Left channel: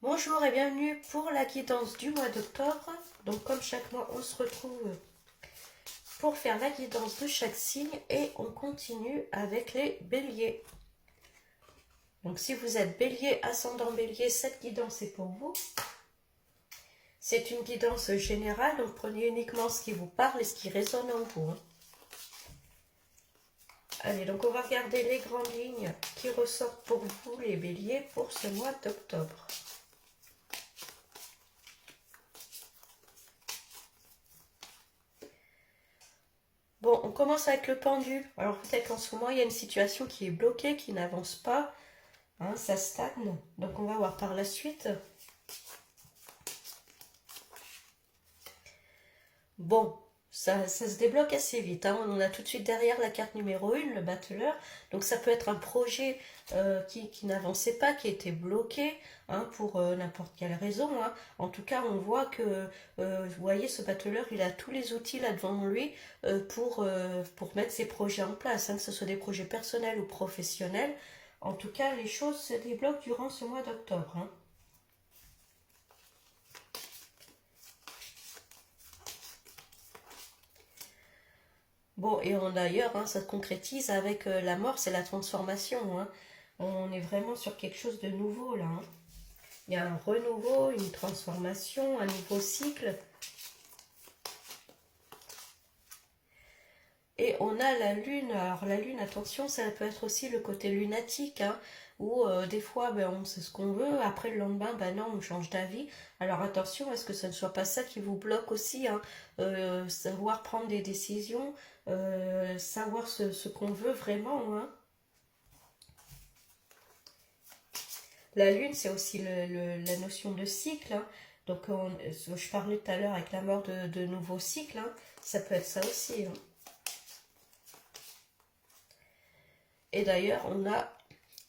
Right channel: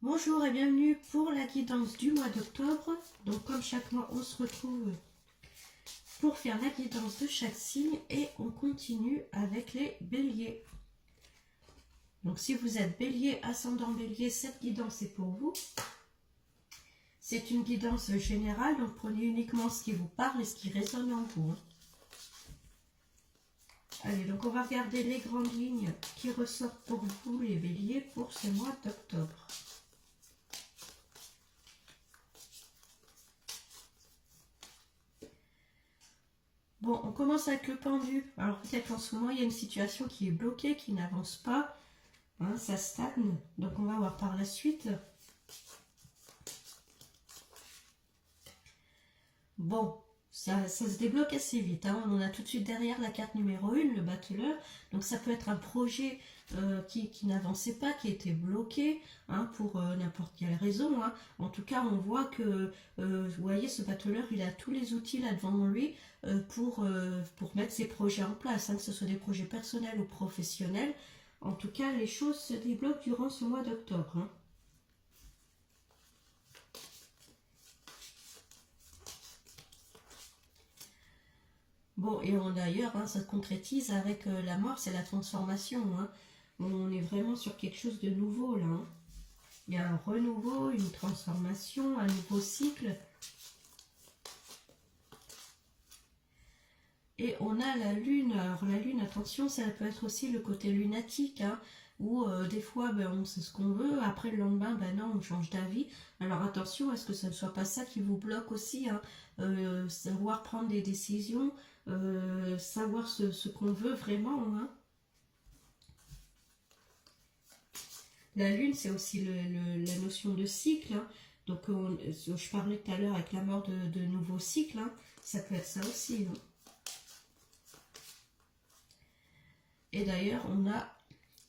Bonjour et bienvenue pour la guidance du mois d'octobre. Donc comme chaque mois, on se retrouve pour faire la guidance de chaque signe et on continue avec les béliers. Donc si vous êtes bélier, ascendant bélier, cette guidance est pour vous. C'est une guidance générale, donc prenez uniquement ce qui vous parle et ce qui résonne en vous. Allez, donc on va regarder les grandes lignes qui ressortent pour vous les béliers pour ce mois d'octobre. Bon, on commence avec le pendu. Alors peut-être qu'en ce moment, il y a une situation qui est bloquée, qui n'avance pas. Hein, ça stagne. Donc on va voir par la suite. Bon, ça se débloque assez vite. Hein. On a tout de suite derrière la carte numéro 1, le battleur. Donc ça peut être un projet qui n'avançait pas, qui était bloqué pour n'importe quelle raison. En tout cas, on voit que, vous voyez, ce battleur, il a tous les outils là devant lui pour mettre ses projets en place, que ce soit des projets personnels ou professionnels. En tout cas, les choses se débloquent durant ce mois d'octobre. Bon, et d'ailleurs, ça se concrétise avec la mort, c'est la transformation. On est vraiment sur quelque chose de nouveau là. Il y a un renouveau, une transformation, un nouveau cycle. Et on a la lune. Alors la lune, attention, ça peut être aussi le côté lunatique, où des fois on sait ce qu'on veut, après le lendemain, non, on change d'avis. Alors attention, est-ce que ça ne soit pas ça qui vous bloque aussi, savoir prendre des décisions, savoir ce qu'on veut vraiment. La lune, c'est aussi la notion de cycle. Donc je parlais tout à l'heure avec la mort de nouveaux cycles, ça peut être ça aussi. Et d'ailleurs, on a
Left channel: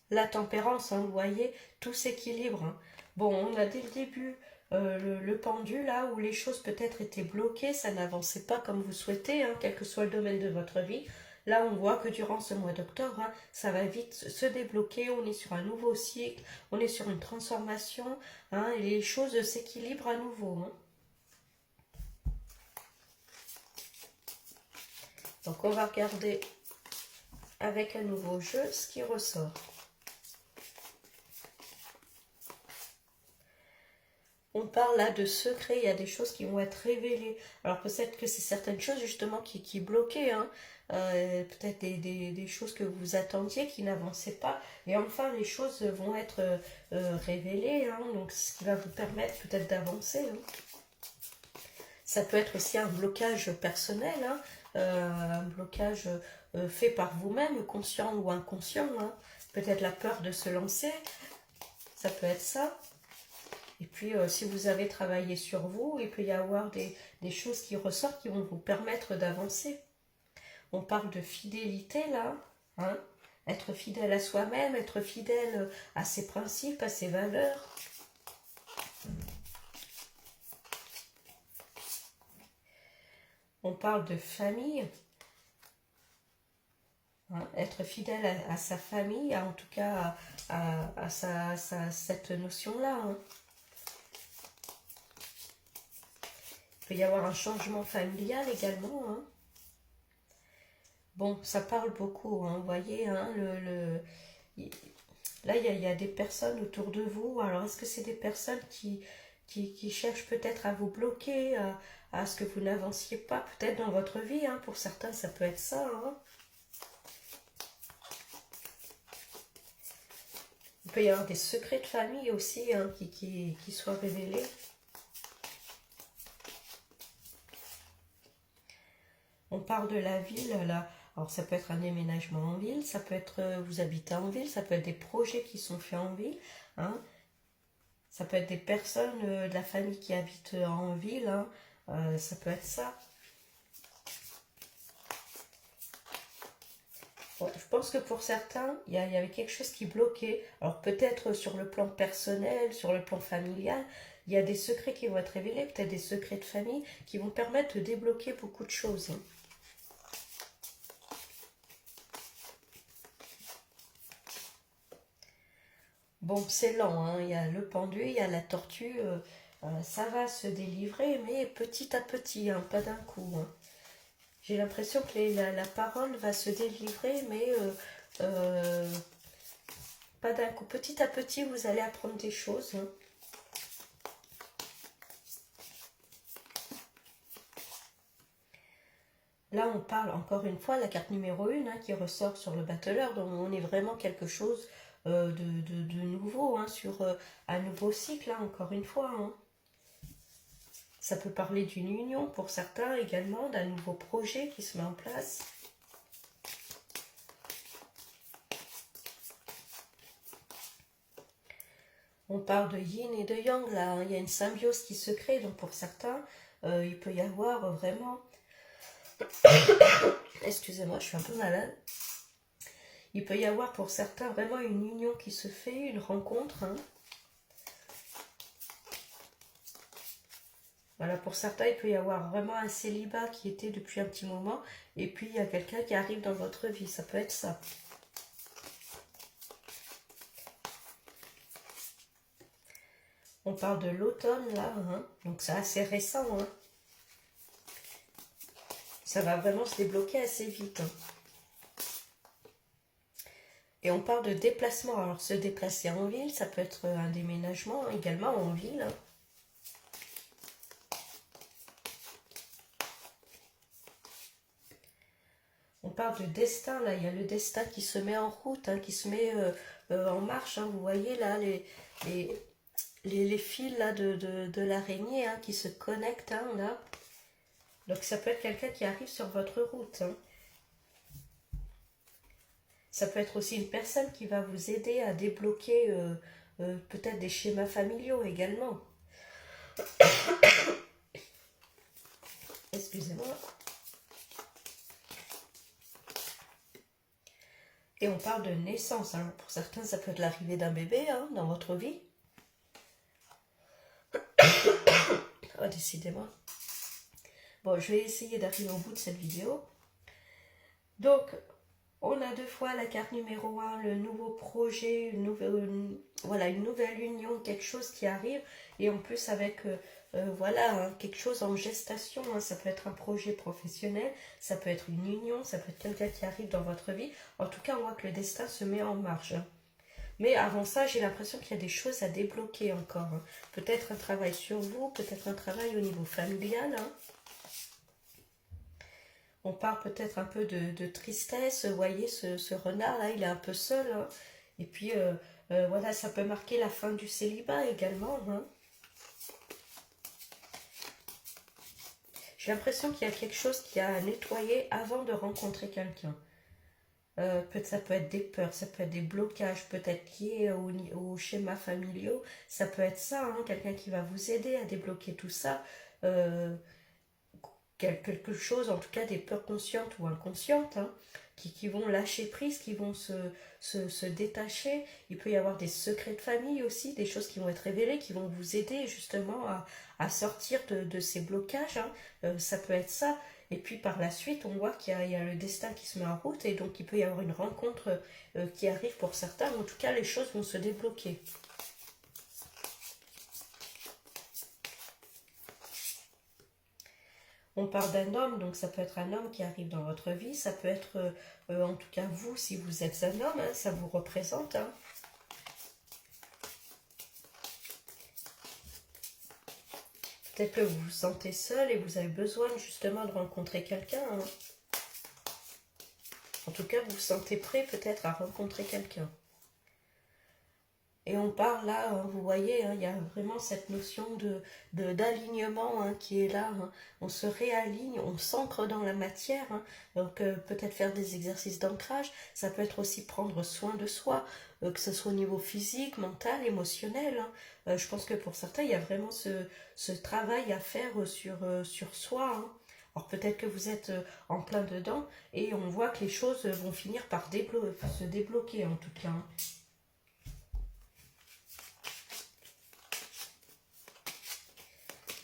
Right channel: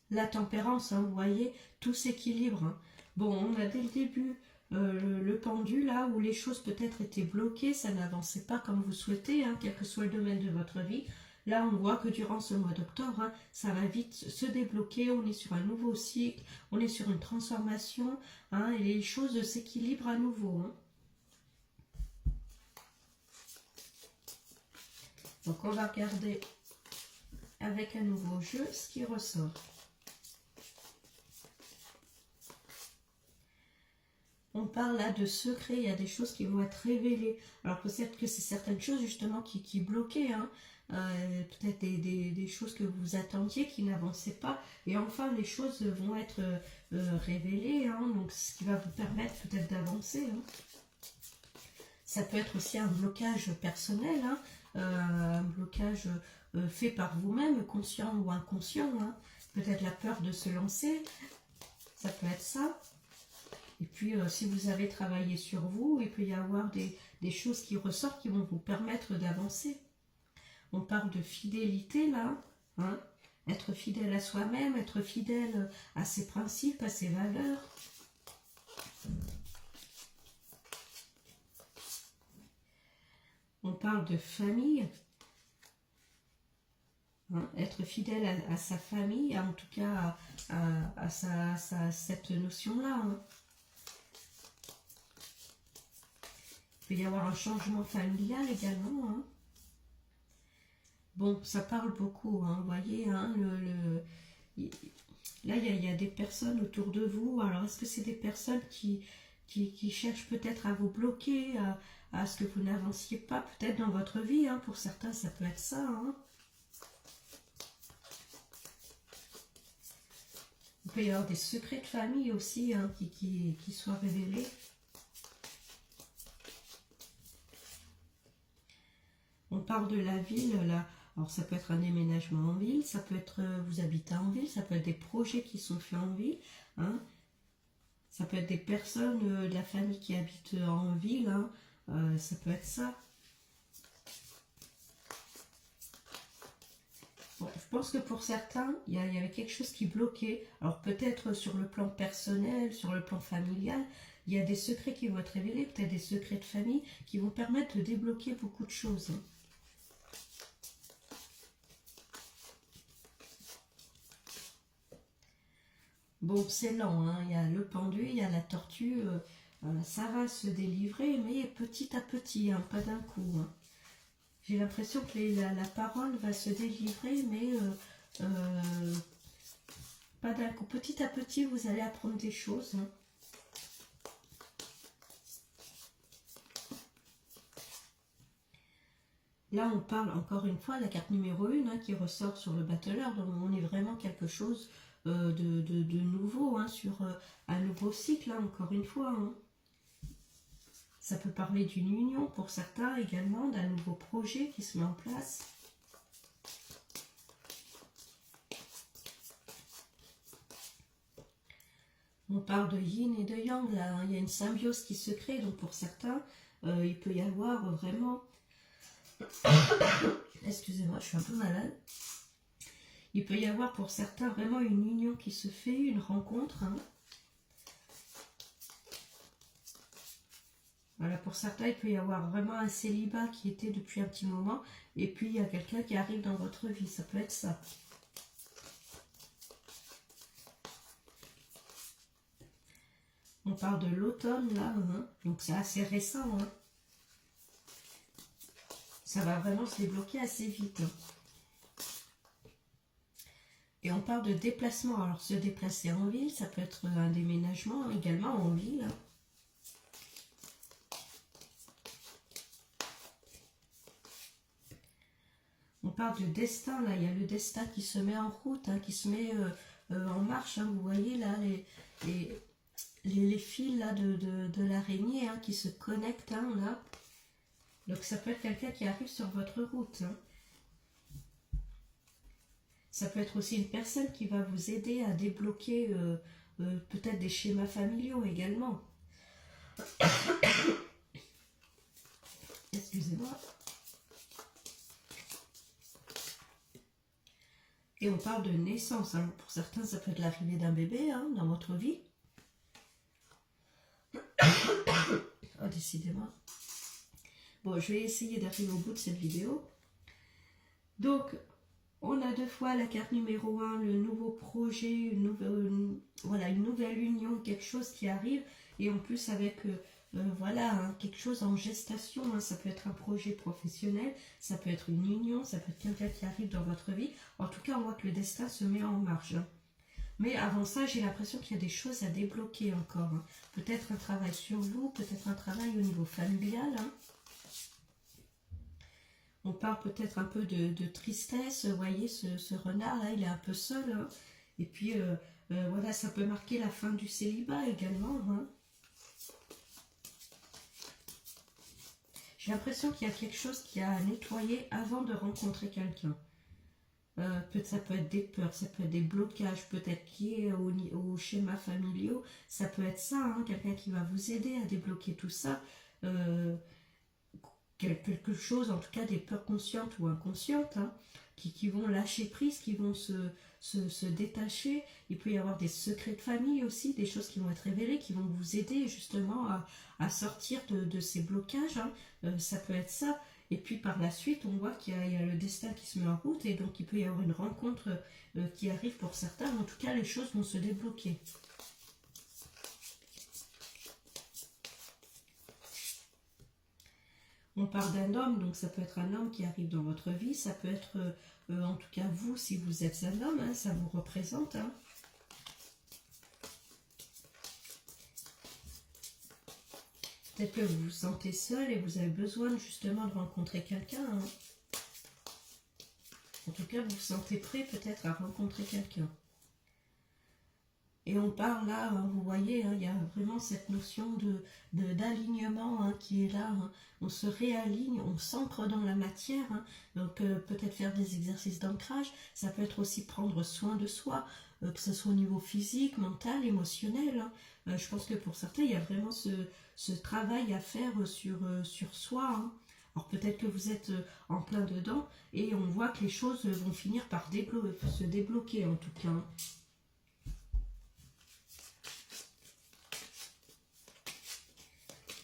la tempérance, vous voyez, tout s'équilibre. Bon, on a dès le début le pendu, là, où les choses peut-être étaient bloquées, ça n'avançait pas comme vous souhaitez, quel que soit le domaine de votre vie. Là, on voit que durant ce mois d'octobre, ça va vite se débloquer, on est sur un nouveau cycle, on est sur une transformation, et les choses s'équilibrent à nouveau. Donc, on va regarder avec un nouveau jeu ce qui ressort. On parle là de secrets, il y a des choses qui vont être révélées. Alors peut-être que c'est certaines choses justement qui bloquaient, peut-être des choses que vous attendiez qui n'avançaient pas. Et enfin, les choses vont être révélées, donc ce qui va vous permettre peut-être d'avancer. Ça peut être aussi un blocage personnel, un blocage fait par vous-même, conscient ou inconscient. Peut-être la peur de se lancer, ça peut être ça. Et puis, si vous avez travaillé sur vous, il peut y avoir des choses qui ressortent qui vont vous permettre d'avancer. On parle de fidélité là, être fidèle à soi-même, être fidèle à ses principes, à ses valeurs. On parle de famille, être fidèle à sa famille, en tout cas à cette notion-là. Il peut y avoir un changement familial également. Bon, ça parle beaucoup, vous voyez, là il y a des personnes autour de vous. Alors est-ce que c'est des personnes qui cherchent peut-être à vous bloquer, à ce que vous n'avanciez pas peut-être dans votre vie, pour certains ça peut être ça. Il peut y avoir des secrets de famille aussi qui soient révélés. On parle de la ville, là. Alors ça peut être un déménagement en ville, ça peut être vous habitez en ville, ça peut être des projets qui sont faits en ville. Ça peut être des personnes de la famille qui habitent en ville, ça peut être ça. Bon, je pense que pour certains, il y avait quelque chose qui bloquait. Alors peut-être sur le plan personnel, sur le plan familial, il y a des secrets qui vont être révélés, peut-être des secrets de famille qui vont permettre de débloquer beaucoup de choses. Bon, c'est lent, hein. Il y a le pendu, il y a la tortue. Ça va se délivrer, mais petit à petit, hein, pas d'un coup, hein. J'ai l'impression que la parole va se délivrer, mais euh, pas d'un coup. Petit à petit, vous allez apprendre des choses, hein. Là, on parle encore une fois, la carte numéro 1 hein, qui ressort sur le battleur, donc on est vraiment quelque chose de nouveau, hein, sur un nouveau cycle, hein, encore une fois, hein. Ça peut parler d'une union pour certains également, d'un nouveau projet qui se met en place. On parle de yin et de yang, là, hein. Il y a une symbiose qui se crée, donc pour certains, il peut y avoir vraiment... Excusez-moi, je suis un peu malade. Il peut y avoir pour certains vraiment une union qui se fait, une rencontre, hein. Voilà, pour certains, il peut y avoir vraiment un célibat qui était depuis un petit moment, et puis il y a quelqu'un qui arrive dans votre vie, ça peut être ça. On parle de l'automne là, hein. Donc c'est assez récent, hein. Ça va vraiment se débloquer assez vite, hein. Et on parle de déplacement. Alors se déplacer en ville, ça peut être un déménagement également en ville, hein. On parle de destin, là, il y a le destin qui se met en route, hein, qui se met en marche, hein. Vous voyez là les fils là, de l'araignée hein, qui se connectent, hein, là. Donc ça peut être quelqu'un qui arrive sur votre route, hein. Ça peut être aussi une personne qui va vous aider à débloquer peut-être des schémas familiaux également. Excusez-moi. Et on parle de naissance. Alors pour certains, ça peut être l'arrivée d'un bébé hein, dans votre vie. Oh, décidément. Bon, je vais essayer d'arriver au bout de cette vidéo. Donc, on a deux fois la carte numéro 1, le nouveau projet, voilà, une nouvelle union, quelque chose qui arrive. Et en plus avec, voilà, hein, quelque chose en gestation. Hein, ça peut être un projet professionnel, ça peut être une union, ça peut être quelqu'un qui arrive dans votre vie. En tout cas, on voit que le destin se met en marche, hein. Mais avant ça, j'ai l'impression qu'il y a des choses à débloquer encore, hein. Peut-être un travail sur vous, peut-être un travail au niveau familial, hein. On parle peut-être un peu de tristesse. Vous voyez, ce renard-là, il est un peu seul, hein. Et puis, voilà, ça peut marquer la fin du célibat également, hein. J'ai l'impression qu'il y a quelque chose qui a à nettoyer avant de rencontrer quelqu'un. Ça peut être des peurs, ça peut être des blocages, peut-être liés au schéma familiaux. Ça peut être ça, hein, quelqu'un qui va vous aider à débloquer tout ça. Quelque chose, en tout cas des peurs conscientes ou inconscientes, hein, qui vont lâcher prise, qui vont se détacher. Il peut y avoir des secrets de famille aussi, des choses qui vont être révélées, qui vont vous aider justement à sortir de ces blocages, hein. Ça peut être ça. Et puis par la suite, on voit qu'il y a le destin qui se met en route et donc il peut y avoir une rencontre qui arrive pour certains. En tout cas, les choses vont se débloquer. On parle d'un homme, donc ça peut être un homme qui arrive dans votre vie, ça peut être en tout cas vous, si vous êtes un homme, hein, ça vous représente, hein. Peut-être que vous vous sentez seul et vous avez besoin justement de rencontrer quelqu'un, hein. En tout cas, vous vous sentez prêt peut-être à rencontrer quelqu'un. Et on parle là, hein, vous voyez, hein, il y a vraiment cette notion d'alignement hein, qui est là, hein. On se réaligne, on s'ancre dans la matière, hein. Donc peut-être faire des exercices d'ancrage, ça peut être aussi prendre soin de soi, que ce soit au niveau physique, mental, émotionnel, hein. Je pense que pour certains, il y a vraiment ce travail à faire sur soi, hein. Alors peut-être que vous êtes en plein dedans et on voit que les choses vont finir par se débloquer en tout cas, hein.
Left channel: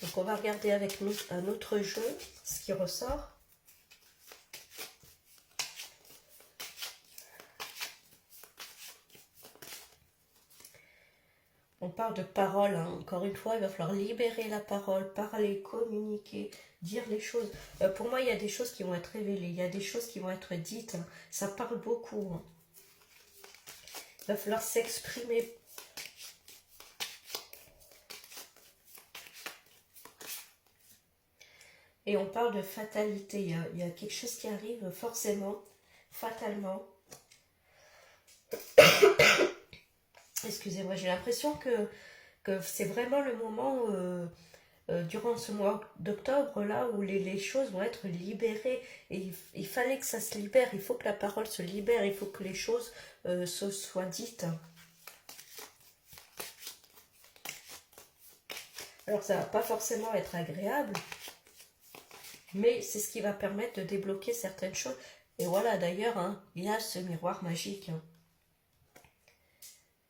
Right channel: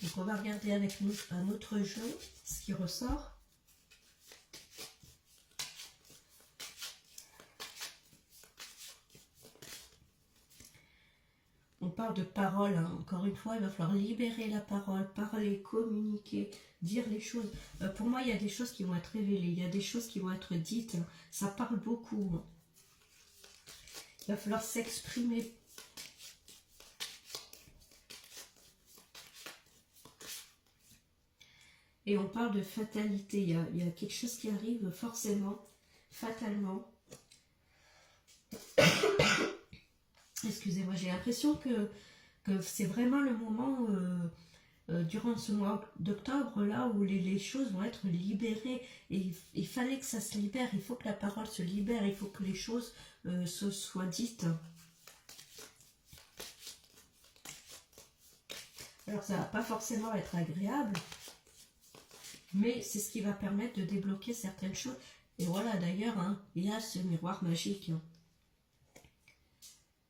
Donc on va regarder avec un autre jeu ce qui ressort. On parle de parole, hein. Encore une fois, il va falloir libérer la parole, parler, communiquer, dire les choses. Pour moi, il y a des choses qui vont être révélées, il y a des choses qui vont être dites, hein. Ça parle beaucoup, hein. Il va falloir s'exprimer. Et on parle de fatalité. Il y a quelque chose qui arrive forcément, fatalement. Excusez-moi, j'ai l'impression que c'est vraiment le moment, durant ce mois d'octobre, là, où les choses vont être libérées. Et il fallait que ça se libère, il faut que la parole se libère, il faut que les choses soient dites. Alors, ça va pas forcément être agréable, mais c'est ce qui va permettre de débloquer certaines choses. Et voilà, d'ailleurs, hein, il y a ce miroir magique, hein.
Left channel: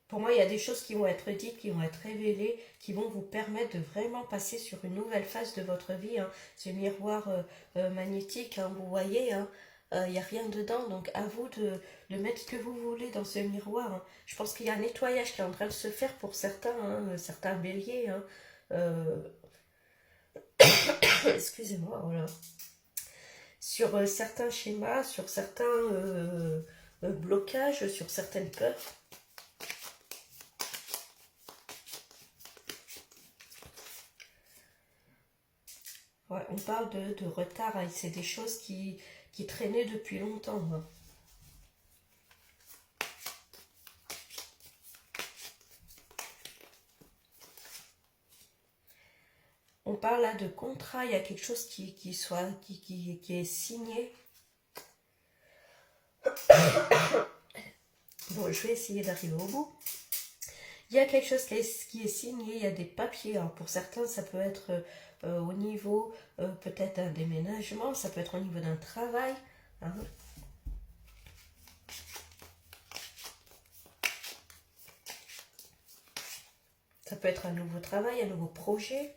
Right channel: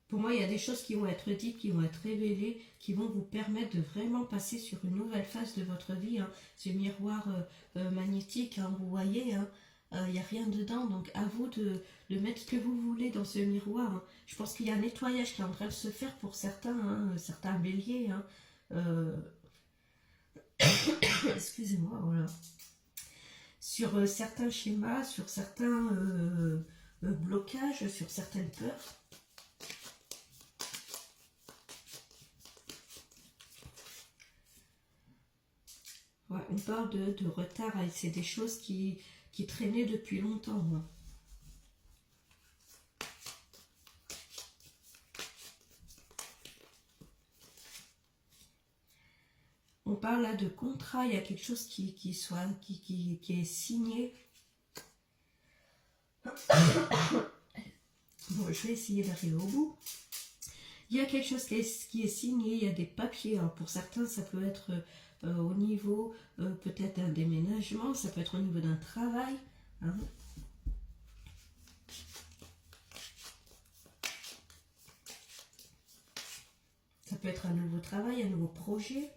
Pour moi, il y a des choses qui vont être dites, qui vont être révélées, qui vont vous permettre de vraiment passer sur une nouvelle phase de votre vie, hein. Ce miroir magnétique, hein, vous voyez, hein, il n'y a rien dedans, donc à vous de mettre ce que vous voulez dans ce miroir, hein. Je pense qu'il y a un nettoyage qui est en train de se faire pour certains, hein, certains béliers, hein. Euh, Excusez-moi, voilà. Sur certains schémas, sur certains blocages, sur certaines peurs. Ouais, on parle de retard, hein, c'est des choses qui traînaient depuis longtemps, hein. On parle là de contrat, il y a quelque chose qui est signé. Bon, je vais essayer d'arriver au bout. Il y a quelque chose qui est signé, il y a des papiers. Alors pour certains, ça peut être au niveau peut-être d'un déménagement, ça peut être au niveau d'un travail, hein. Ça peut être un nouveau travail, un nouveau projet.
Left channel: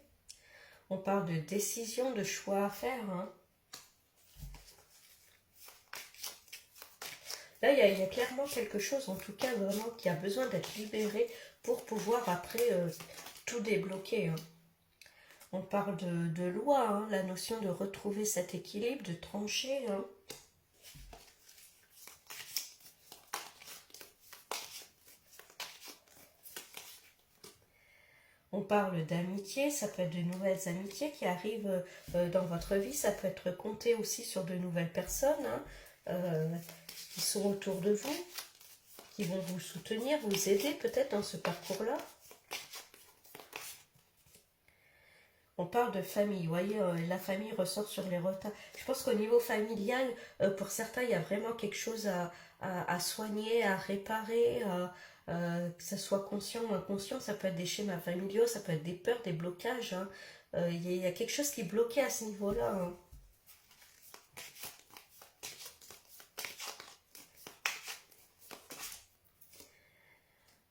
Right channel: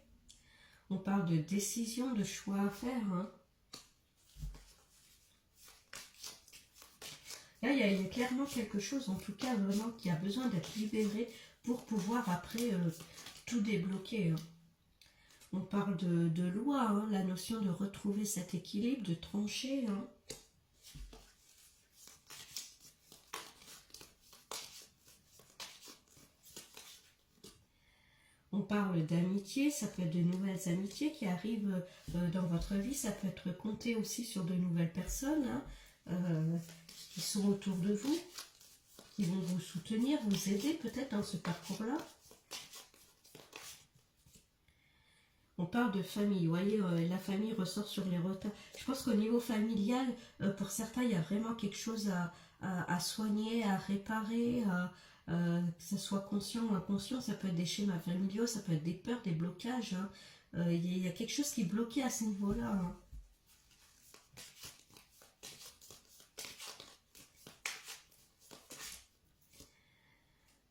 On parle de décision, de choix à faire, hein. Là, il y a clairement quelque chose, en tout cas, vraiment, qui a besoin d'être libéré pour pouvoir après tout débloquer, hein. On parle de loi, hein, la notion de retrouver cet équilibre, de trancher, hein. On parle d'amitié, ça peut être de nouvelles amitiés qui arrivent dans votre vie, ça peut être compter aussi sur de nouvelles personnes, hein, qui sont autour de vous, qui vont vous soutenir, vous aider peut-être dans ce parcours-là. On parle de famille, vous voyez, la famille ressort sur les retards. Je pense qu'au niveau familial, pour certains, il y a vraiment quelque chose à soigner, à réparer, que ça soit conscient ou inconscient. Ça peut être des schémas familiaux, ça peut être des peurs, des blocages, hein. Il y a quelque chose qui est bloqué à ce niveau-là, hein.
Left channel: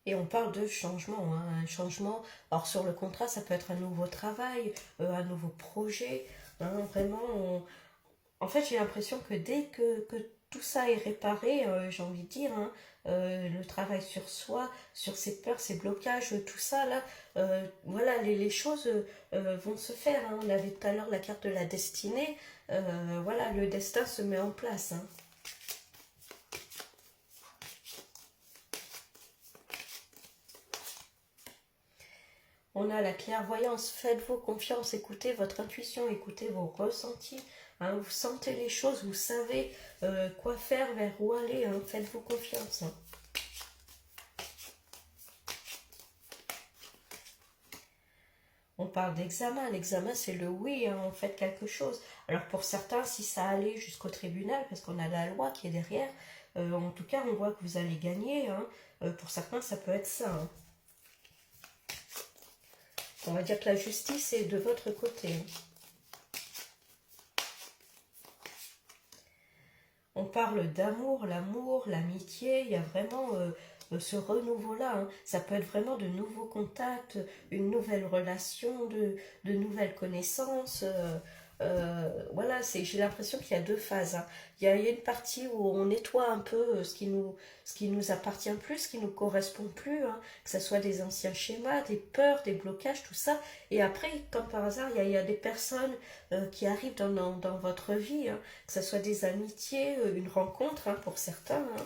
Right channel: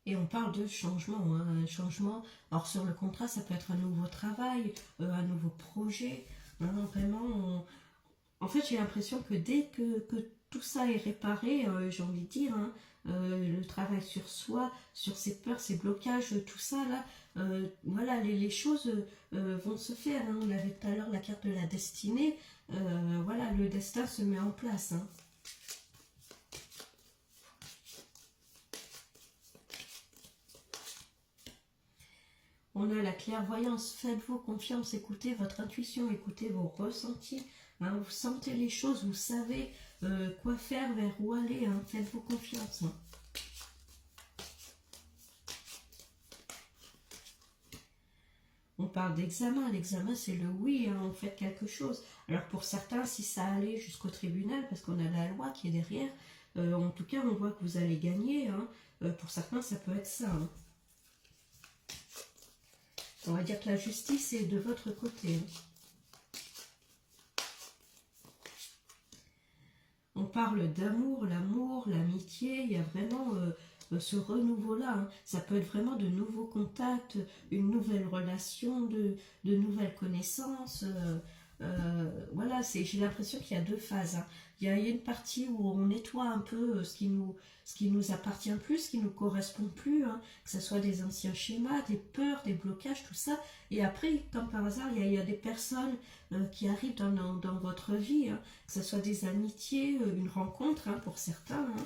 Et on parle de changement, hein, un changement. Alors sur le contrat, ça peut être un nouveau travail, un nouveau projet, hein, vraiment. En fait, j'ai l'impression que dès que tout ça est réparé, j'ai envie de dire, hein, le travail sur soi, sur ses peurs, ses blocages, tout ça, là, voilà, les choses vont se faire, hein. On avait tout à l'heure la carte de la destinée. Voilà, le destin se met en place, hein. On a la clairvoyance, faites-vous confiance, écoutez votre intuition, écoutez vos ressentis, hein, vous sentez les choses, vous savez quoi faire, vers où aller, hein, faites-vous confiance, hein. On parle d'examen, l'examen c'est le oui, hein, on fait quelque chose. Alors pour certains, si ça allait jusqu'au tribunal, parce qu'on a la loi qui est derrière, en tout cas on voit que vous allez gagner, hein. Pour certains ça peut être ça, hein. On va dire que la justice est de votre côté, hein. On parle d'amour, l'amour, l'amitié, il y a vraiment ce renouveau-là, hein. Ça peut être vraiment de nouveaux contacts, une nouvelle relation, de nouvelles connaissances. Voilà, j'ai l'impression qu'il y a deux phases, hein. Il y a une partie où on nettoie un peu ce qui nous appartient plus, ce qui nous correspond plus, hein, que ce soit des anciens schémas, des peurs, des blocages, tout ça. Et après, comme par hasard, il y a des personnes qui arrivent dans votre vie, hein, que ce soit des amitiés, une rencontre, hein, pour certains, hein.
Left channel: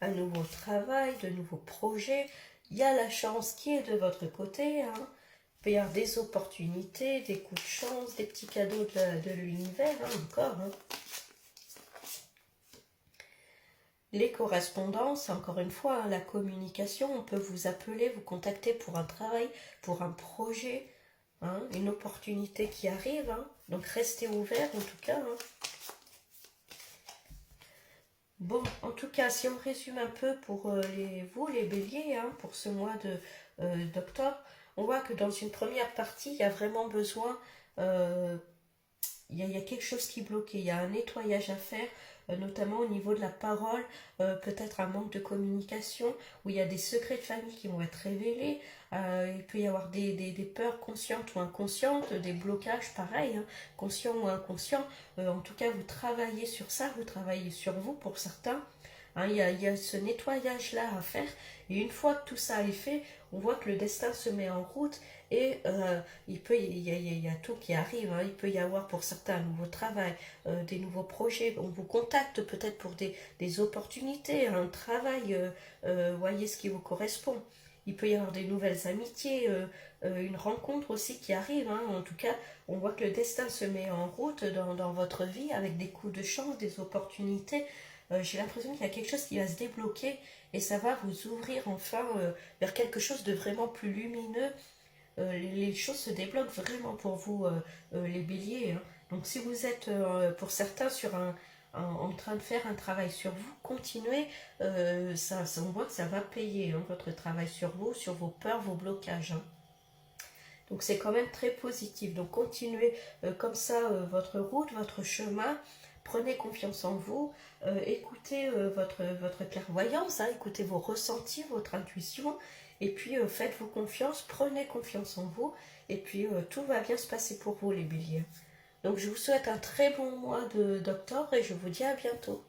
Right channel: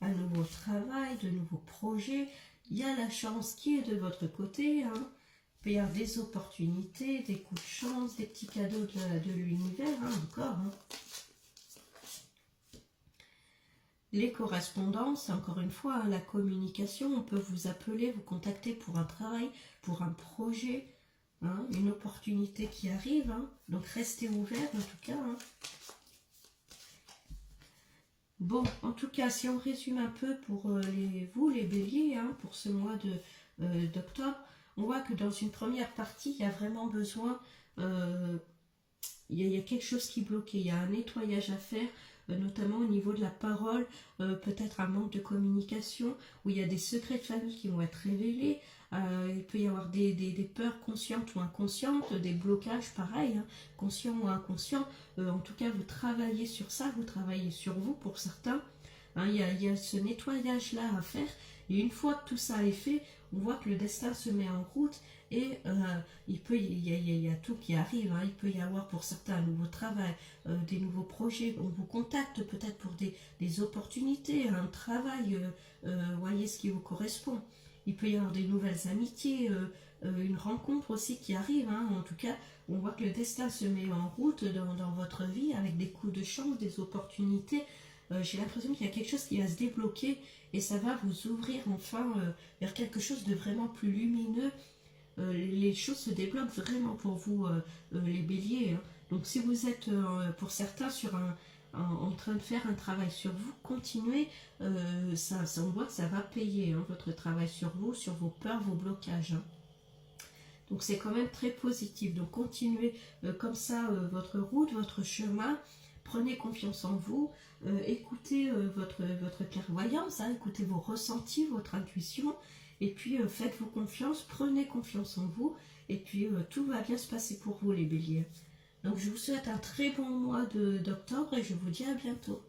Un nouveau travail, de nouveaux projets. Il y a la chance qui est de votre côté, hein. Il peut y avoir des opportunités, des coups de chance, des petits cadeaux de l'univers, hein, encore, hein. Les correspondances, encore une fois, hein, la communication, on peut vous appeler, vous contacter pour un travail, pour un projet, hein, une opportunité qui arrive, hein. Donc restez ouverts en tout cas, hein. Bon, en tout cas, si on résume un peu pour vous, les béliers, hein, pour ce mois d'octobre, on voit que dans une première partie, il y a vraiment besoin, euh, il y a quelque chose qui bloque, il y a un nettoyage à faire, notamment au niveau de la parole, peut-être un manque de communication, où il y a des secrets de famille qui vont être révélés, il peut y avoir des peurs conscientes ou inconscientes, des blocages pareil, hein, conscients ou inconscients, en tout cas vous travaillez sur ça, vous travaillez sur vous pour certains, hein, il y a ce nettoyage-là à faire, et une fois que tout ça est fait, on voit que le destin se met en route, et il y a tout qui arrive, hein. Il peut y avoir pour certains un nouveau travail, des nouveaux projets, on vous contacte peut-être pour des opportunités, un travail, voyez ce qui vous correspond. Il peut y avoir des nouvelles amitiés, une rencontre aussi qui arrive, hein. En tout cas, on voit que le destin se met en route dans votre vie avec des coups de chance, des opportunités. J'ai l'impression qu'il y a quelque chose qui va se débloquer et ça va vous ouvrir enfin vers quelque chose de vraiment plus lumineux. Les choses se débloquent vraiment pour vous, les béliers, hein. Donc si vous êtes pour certains en train de faire un travail sur vous, continuez, on voit que ça va payer, hein, votre travail sur vous, sur vos peurs, vos blocages, hein. Donc c'est quand même très positif. Donc continuez comme ça votre route, votre chemin. Prenez confiance en vous, écoutez votre clairvoyance, hein, écoutez vos ressentis, votre intuition, et puis faites-vous confiance, prenez confiance en vous, et puis tout va bien se passer pour vous les béliers. Donc je vous souhaite un très bon mois d'octobre et je vous dis à bientôt.